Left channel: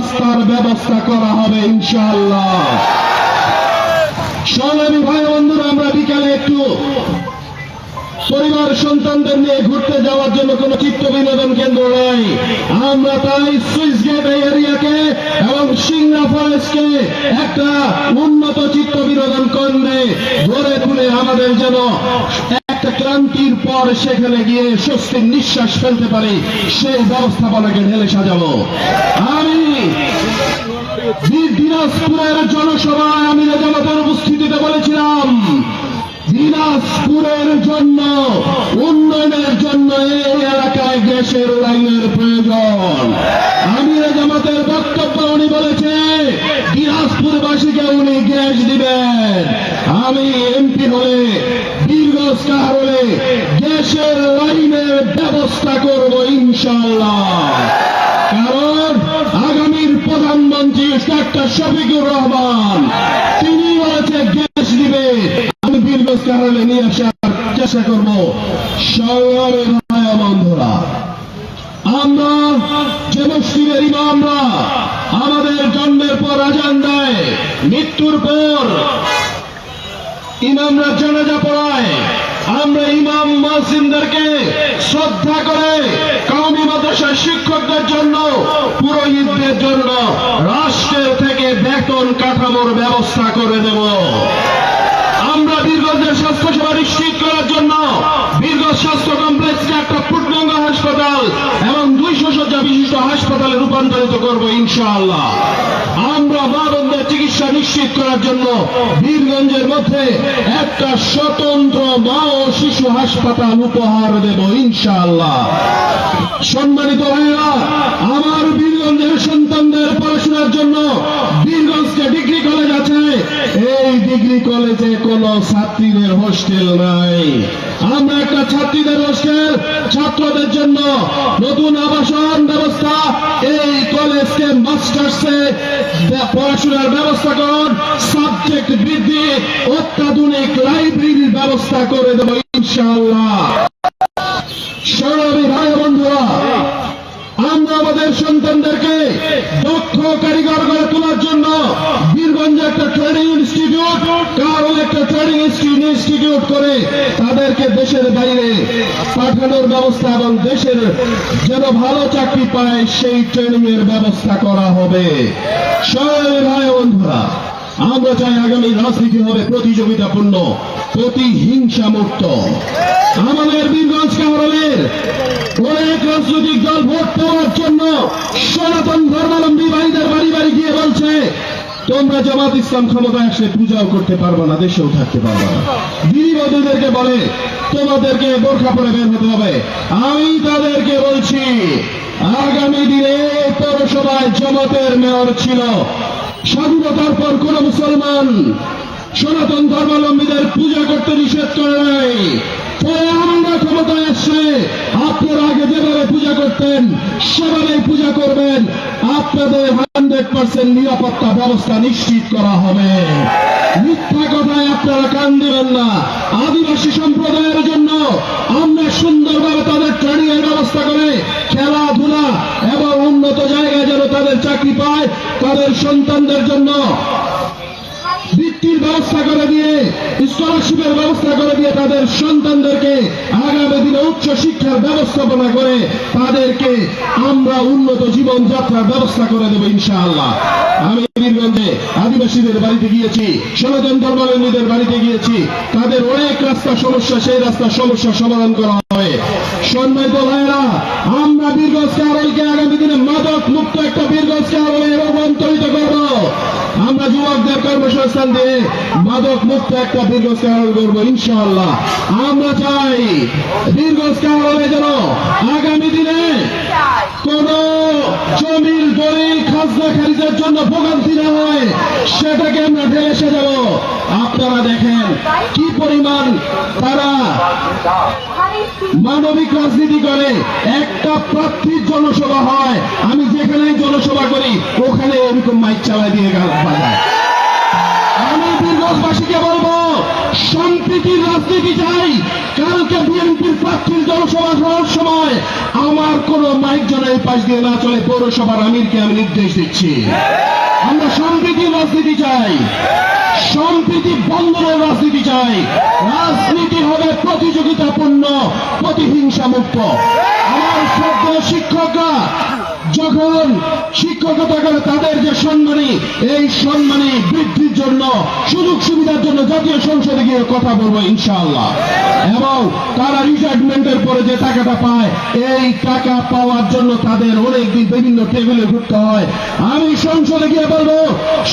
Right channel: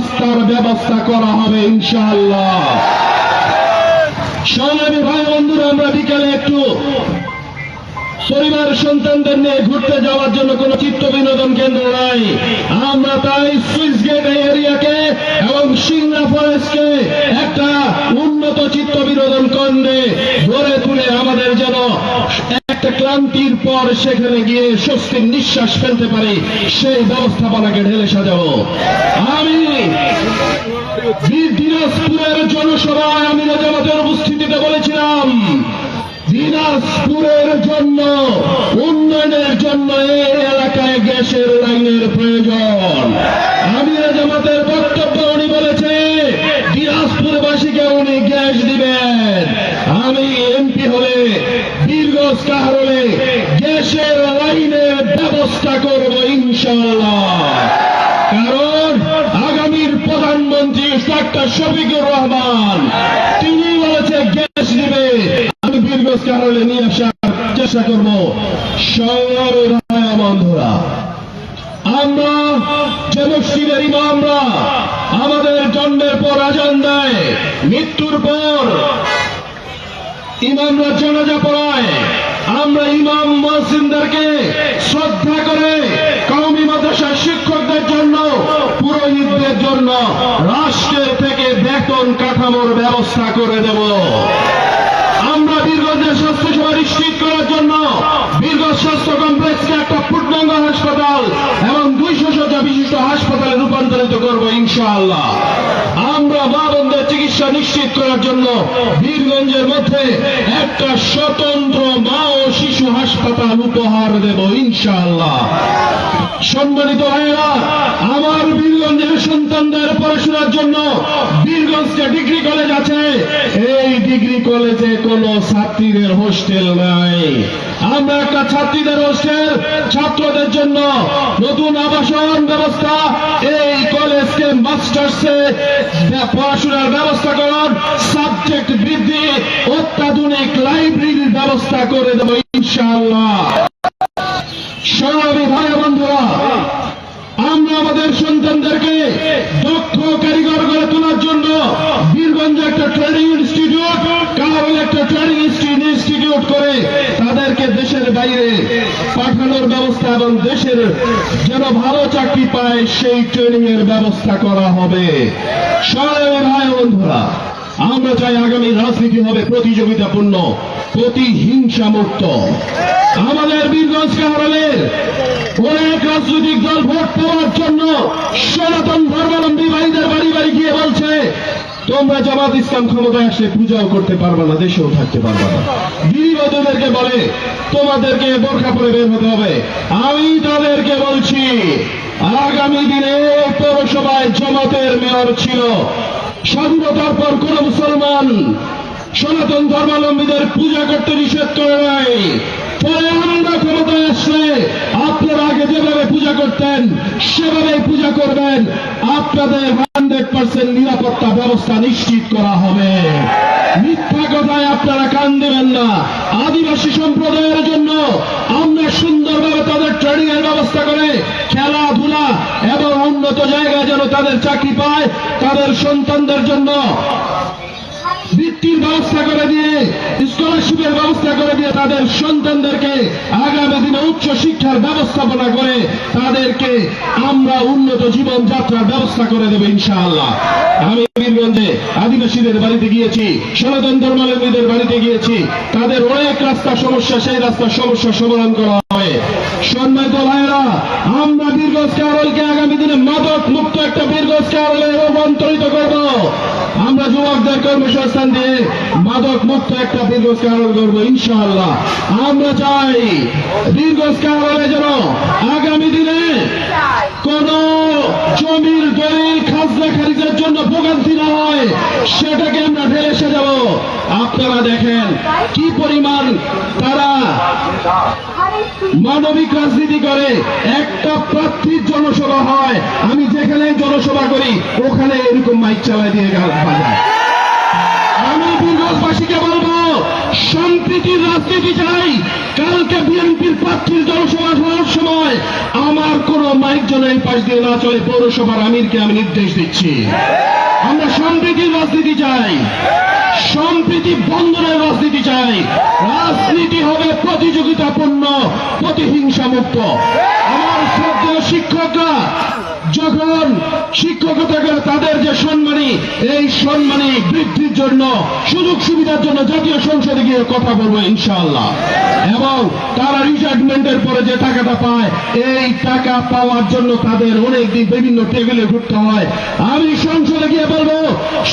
রাস্তার ব্যবস্থা করা হবে ইনশাআল্লাহ। সংগ্রামী ভাই বন্ধুরা, আমরা বিকেলে একটু পরিবার সন্তানদের নিয়ে ঘুরতে যাওয়ার জন্য কোন চিত্ত বিনোদন কেন্দ্র নাই। আমরা তাই সুইচ গেট এরিয়াকে এবং সিংড়া ফরেস্টকে একটা উন্নত চিত্ত বিনোদন কেন্দ্রে গড়ে তুলে আমাদের যেন একটা ক্লান্তির পর সেখানে গিয়ে স্বস্তির নিঃশ্বাস ফেলতে পারি, সেই ব্যবস্থাপনাকে ঢেলে সাজাবো। আমি দিনাজপুরের জনসভায় আমি জামাতের উপস্থিতিতে বলেছিলাম, দিনাজপুরের জন্য উন্নয়নের জন্য এই এলাকায় গ্যাসের লাইনের প্রয়োজন। আমি জামাতের বক্তব্য উনি বলেছে দিনাজপুরবাসীকে উনি গ্যাস দিবেন। আমি এমপি হলে বীরগঞ্জ কাহার হলে গ্যাসের লাইনের ব্যবস্থা করব ইনশাআল্লাহ। কারণ আগামীর প্রধানমন্ত্রী ডাক্তার শফিকুর রহমান তিনি বলেছে গ্যাস দিবে, আমি বীরগঞ্জ কাহারলে নিয়ে আসার চেষ্টা করব। সংগ্রামী ভাই বন্ধুরা, আমরা যে মসজিদের ইমামরা আমাদের জন্মের পর আজান দেয়, মৃত্যুর পর ইমামরা জানাজা পড়ায়, আমরা ইমাম মুয়াজ্জিনদেরকে শ্রদ্ধা করে কওমি মাদ্রাসার শিক্ষকদের জন্য, পুরোহিতদের জন্য রাষ্ট্রের থেকে বেতন কাঠামোর ব্যবস্থা করে দেব। আমরা বীরগঞ্জের স্বাস্থ্যসেবা নিশ্চিত করার জন্য বীরগঞ্জ স্বাস্থ্য কমপ্লেক্সকে একটা পূর্ণাঙ্গ হাসপাতাল এবং 200 শয্যা বিশিষ্ট হাসপাতালে রূপান্তরিত করব ইনশাআল্লাহ। আমরা মা বোনদের চিকিৎসা নিশ্চিত করার জন্য বীরগঞ্জের মধ্যে একটা স্বতন্ত্র মা ও শিশু হাসপাতাল উপহার দেব ইনশাআল্লাহ। সম্মানিত ভাইরা, আমার বীরগঞ্জের সন্তানদের পড়াশোনার জন্য বীরগঞ্জে ডিগ্রি কলেজ আছে। এই ডিগ্রি কলেজে কোন ছাত্রীদের হোস্টেল নাই। আমরা একটা ছাত্রীদের হোস্টেল, ছাত্রদের জন্য নতুন আবাসন ব্যবস্থা, এই কলেজকে মাস্টার্সে পড়াশোনার ব্যবস্থা করুন, সাবজেক্ট বৃদ্ধি, অত্যাধুনিক লাইব্রেরির ব্যবস্থা করে দেব ইনশাআল্লাহ। সংগ্রামী ভাই বন্ধুরা, আমরা আমাদের সন্তানদেরকে দক্ষ কারিগর গড়ে তোলার জন্য বীরগঞ্জে একটা ট্রেনিং ইনস্টিটিউট, কারণ একটা ট্রেনিং ইনস্টিটিউট করে তাদেরকে দেশের বাইরে পাঠানোর ব্যবস্থা এবং দেশের যেন ভালো চাকরি পায় সেই ট্রেনিং এর ব্যবস্থা করা হবে। সংগ্রামী ভাই বন্ধুরা, আমরা চাই আগামী রাজনীতি হবে প্রতিযোগিতাপূর্ণ, প্রতিহিংসা মুক্ত। আমাদের বীরগঞ্জ কাহারলের অনেক রাজনৈতিক দল ভোট পাওয়ার জন্য সনাতন ধর্মাবলম্বী ভাইদের বাড়ি বাড়ি গিয়ে বলছে, তোমরা জামাত ইসলাম ক্ষমতায় আসলে পূজাও করতে পারবে না, দেশেও থাকতে পারবে না। গিরিবধূদেরকে বলে তোমাদেরকে বোরখা পরে বের হতে হবে। আমি তাদেরকে বলছি, আগামী দিনে পৌরসভায় জামাতের মেয়র ছিল, স্বাধীনতার পর কোন মুসলমান সনাতন ধর্মাবলম্বীদের পূজা করতে নিষেধ করে নাই। পরে আমরা ক্ষমতায় আসলে আপনারা আগে যেভাবে পূজা করতেন সেভাবেই পূজা করবেন। আপনাদের 100% নিরাপত্তা ব্যবস্থা নিশ্চিত করা হবে। মিথ্যা কথায় আপনারা কান দেবেন না। আদিবাসী সম্প্রদায়ের জন্য আমরা সুন্দরভাবে তাদের ট্রেনিং এর ব্যবস্থা করে খেলাধুলা এবং উন্নত জায়গায় যেন তাদের চাকরি পায়, তাদের সন্তানদের জন্য বৃত্তির ব্যবস্থা করে দিয়ে, স্কলারশিপের ব্যবস্থা করে দিয়ে তাদের সন্তানদেরকে আগামী দিনে উচ্চ শিক্ষার ব্যবস্থাপনা করে তাদেরকে আমরা উন্নত জীবনযাত্রার ব্যবস্থা করে দেব ইনশাআল্লাহ। আমি বীরগঞ্জে আদিবাসীদের বাড়িতে গিয়েছি, সনাতন ধর্মাবলম্বীদের বাড়িতে গিয়েছি, তাদের অনেক রাস্তা সমস্যা, সেই রাস্তার সমস্যা সমাধান করা হবে। সম্মানিত ভাইয়েরা, আমরা বীরগঞ্জ কাহারলকে আগামী দিনে মাদক মুক্ত একটা বীরগঞ্জ কাহারলে রূপান্তরিত করব। আমরা যুবকদের কর্মসংস্থান দিয়ে মাদক মুক্ত একটা বীরগঞ্জ কাহারল করব ইনশাআল্লাহ। আমরা চাই বীরগঞ্জ কাহারলে যেন আগামী দিনে কোন জমির দলিল খাজনা খারিজের জন্য ভোগান্তি না হয়, সেটাকে আমরা ঢেলে সাজাবো। আপনারা দেখেন কি পরিমাণ তারা মানবিক রাজনীতি করে। একটা প্রার্থীর জনসভা হয়, আমি যেখানে জনসভা করি ওখানে এরকম মাইক চালায় দিয়ে গান বাজায়। আমি বীরগঞ্জবাসীকে বলবো, সম্প্রীতির রাজনীতি চাই। কালকে বিএনপির প্রার্থীর জনসভা হওয়ার সময় আমার কোন মাইক যেন এই পাশ দিয়ে না চলে, পৌরসভার আমিরকে আমি নির্দেশ দিচ্ছি। আমরা সম্প্রীতির রাজনীতি চাই, সম্প্রীতি বন্ধনের রাজনীতি চাই। রাজনীতি হবে প্রতিযোগিতাপূর্ণ, প্রতিহিংসা মুক্ত। আমার শ্রদ্ধেয় শিক্ষকরা যখন শিক্ষকতা করে তাদের যে সম্মানী, এই সম্মানী বৃদ্ধির জন্য, সুযোগ সুবিধার জন্য জাতীয় সংসদে গিয়ে কথা বলবো ইনশাআল্লাহ। এবং তারা রিটায়ারমেন্টের পরে যে টাকাটা পায়, এই টাকা পাওয়ার জন্য তাদের অনেকদিন বিভিন্ন টেবিলে ঘুরতে হয়। আমি সংসদে গিয়ে বলবো,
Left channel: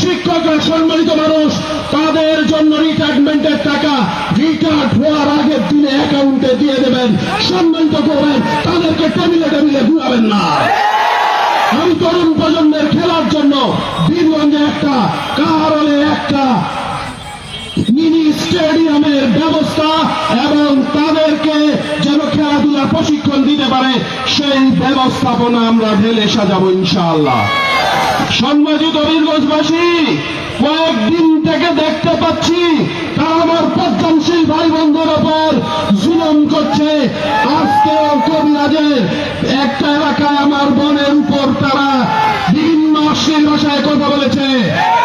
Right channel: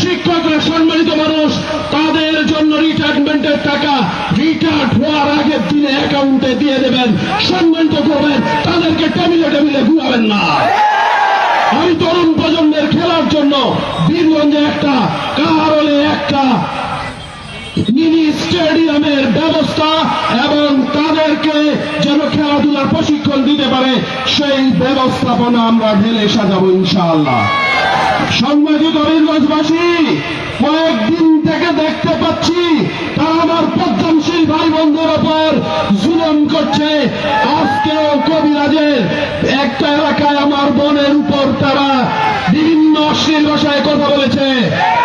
শিক্ষকরা সম্মানিত মানুষ, তাদের জন্য রিটায়ারমেন্টের টাকা রিটায়ার্ড হওয়ার আগের দিনে অ্যাকাউন্টে দিয়ে দেবেন, সম্মানিত করবেন, তাদেরকে টেবিলে টেবিলে ঘুরাবেন না। আমি তরুণ প্রজন্মের খেলার জন্য বীরগঞ্জে একটা কাহারোলে একটা মিনি স্টেডিয়ামের ব্যবস্থা এবং তাদেরকে যেন খেলাধুলার প্রশিক্ষণ দিতে পারে, সেই ব্যবস্থাপনা আমরা ঢেলে সাজাবো ইনশাআল্লাহ। সম্মানিত বীরগঞ্জবাসী, কয়েকদিন থেকে দেখতে পাচ্ছি তারা আমার পদ্মশীল ভাই বন্ধুর ওপর জুলুম করছে। আজকেও কবিরাজের একটা এলাকায় আমার বোনের উপর তারা বিভিন্ন অশ্লীল ভাষায় কথা বলেছে।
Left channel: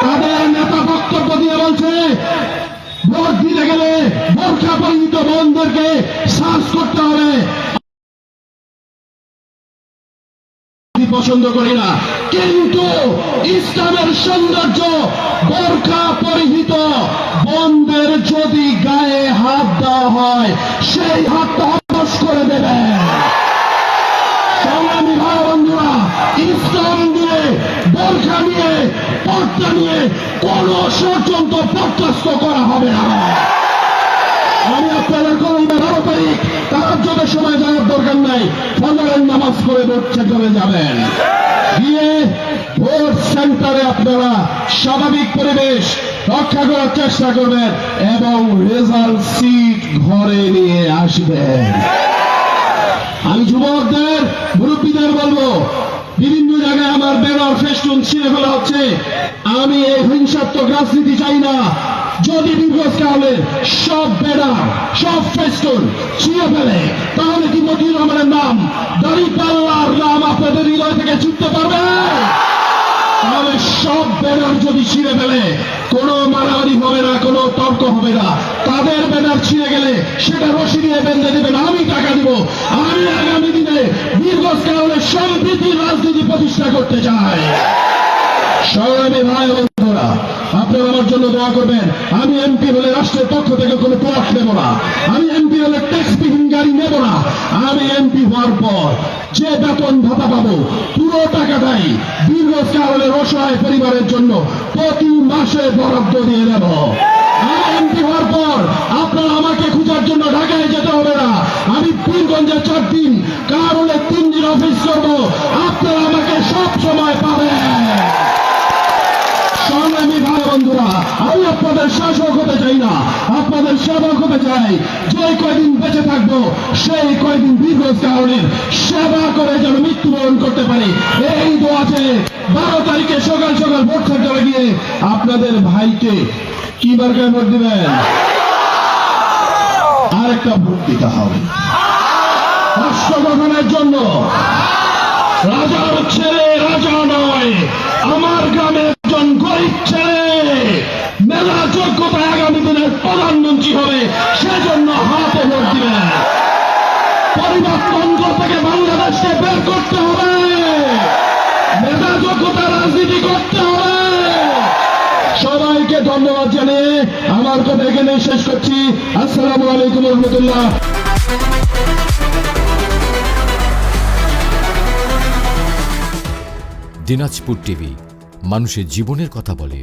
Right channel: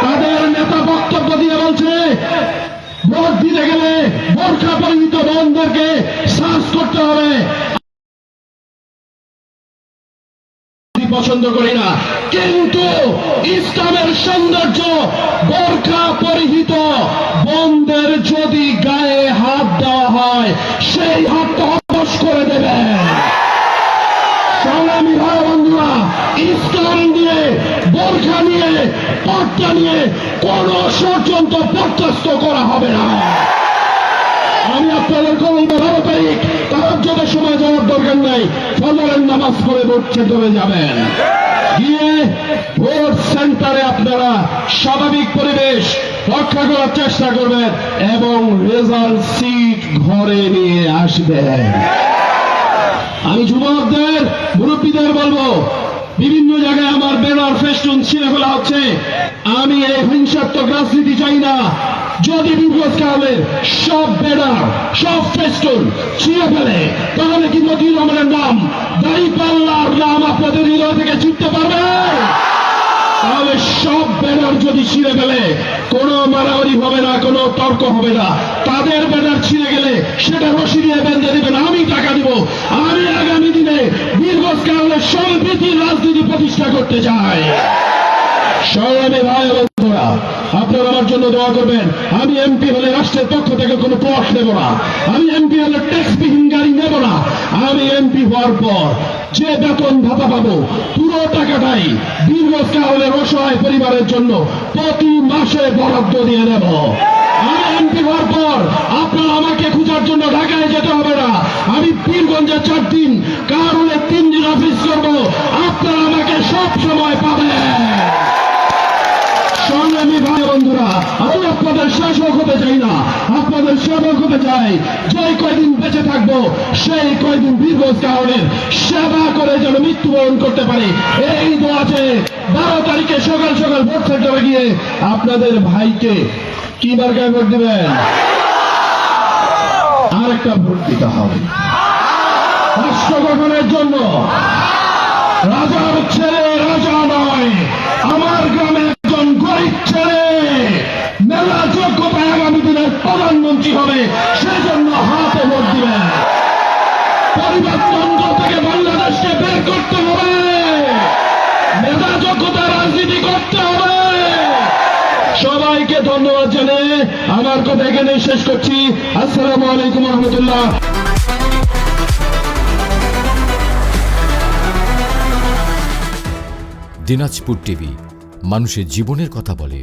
তাদের নেতা বক্তব্য দিয়ে বলছে, ভোট দিতে গেলে বোরখা পরিহিত বোনদেরকে সার্চ করতে হবে। পছন্দ করি না, কিন্তু ইসলামের সৌন্দর্য বোরখা পরিহিত বোনদের যদি গায়ে হাত দেওয়া হয়, সেই হাতটা অবশ করে দেবে। সংগ্রামী ভাই বন্ধুরা, ইসলাম নিয়ে, বোরখা নিয়ে, পর্দা নিয়ে কোন ষড়যন্ত্র বরদাস্ত করা হবে না। আমি আপনাদের কোন 12 তারিখ তাহাজ্জুদের সময় যাওয়ার দরকার নাই, ফজরের নামাজ পড়ে ভোট চলে যাবেন। গিয়ে ভোট সেন্টারে আপনারা স্বাভাবিক পরিবেশ রক্ষা করার চেষ্টা করবেন এবং রেজাল্ট সিট ঘরে নিয়ে আসবেন। আমি যুবকদের, মুরব্বীদের বলবো, বিভিন্ন জায়গায় আমার ব্যানার ফেস্টুন ছিঁড়ে ফেলা হচ্ছে। আমি এই হিংসাত্মক রাজনীতি চাই না। যদি বিপদকালে সব ব্যানার, সব ফেস্টুন ছিঁড়ে ফেলে, তাহলে কি মতিউর রহমানের নাম, দাঁড়িপাল্লার নাম আপনাদের হৃদয় থেকে চিনতে পারবে? তাহলে সব ব্যানার যদি ছিঁড়ে ফেলে, কোনো মারামারি হবে না, কোনো তর্ক হবে না। তাদের ব্যানার ছিঁড়ে গেলে সেটা রশি দিয়ে বেঁধে দেবেন, আমি টাকা দিব। আমি আগামী দিনে বীরগঞ্জে সম্প্রীতির রাজনীতি প্রতিষ্ঠা করতে চাই। সংগ্রামী ভাই বন্ধুরা, আপনারা আমার জন্য দোয়া করবেন। আমি এমপি হলে রাষ্ট্রের পক্ষ থেকে কোনো ট্যাক্স নেব না। আমি এমপি হলে ট্যাক্সবিহীন গাড়ি নেব না। আমি এমপি হওয়ার পর যে বেতন ভাতা পাবো, পুরো টাকাটাই বীরগঞ্জ কারণের অসহায় পরিবারের জন্য প্রতি মাসে বরাদ্দ দিয়ে দেব। আমি এমপি হওয়ার পর আপনারা আমাকে খোঁজার জন্য ঢাকায় যেতে হবে না। আমি বীরগঞ্জে 4 দিন, কারণে 3 দিন অফিস করব, আপনারা আমাকে সব সময় পাবেন। সংগ্রামী ভাই বন্ধুরা, আমি আপনাদের শাসক হতে চাই না, আপনাদের সেবক হতে চাই। যে কয়দিন বেঁচে থাকবো, সেই কয়দিন বীরগঞ্জ কারণের সেবা করে যেন মৃত্যুবরণ করতে পারি, এই দোয়াতে 12 তারিখে সকাল সকাল ভোট সেন্টারে গিয়ে আপনাদের ভাইকে কি মার্কায় ভোট দিবেন? আর একটা ভোট দিতে হবে রাষ্ট্র গঠনের জন্য। রাজার ছেলে রাজা নয়, আমার গ্রামে একজন গরিব ছেলে মেলা যোগ্যতায় আগামী দিনের প্রধানমন্ত্রী হবে, সেজন্য হাতে ভোট দিবেন। পরিবর্তন থেকে বাংলাদেশকে বের করতে হবে, মেধা যোগ্যতা রাজনীতি করতে হবে। সবাইকে ধন্যবাদ জানিয়ে আমার কথা এখানে শেষ করছি। আসসালামু আলাইকুম রহমতুল্লাহ। দিনাজপুর টিভি, মানুষের জীবনের কথা বলে।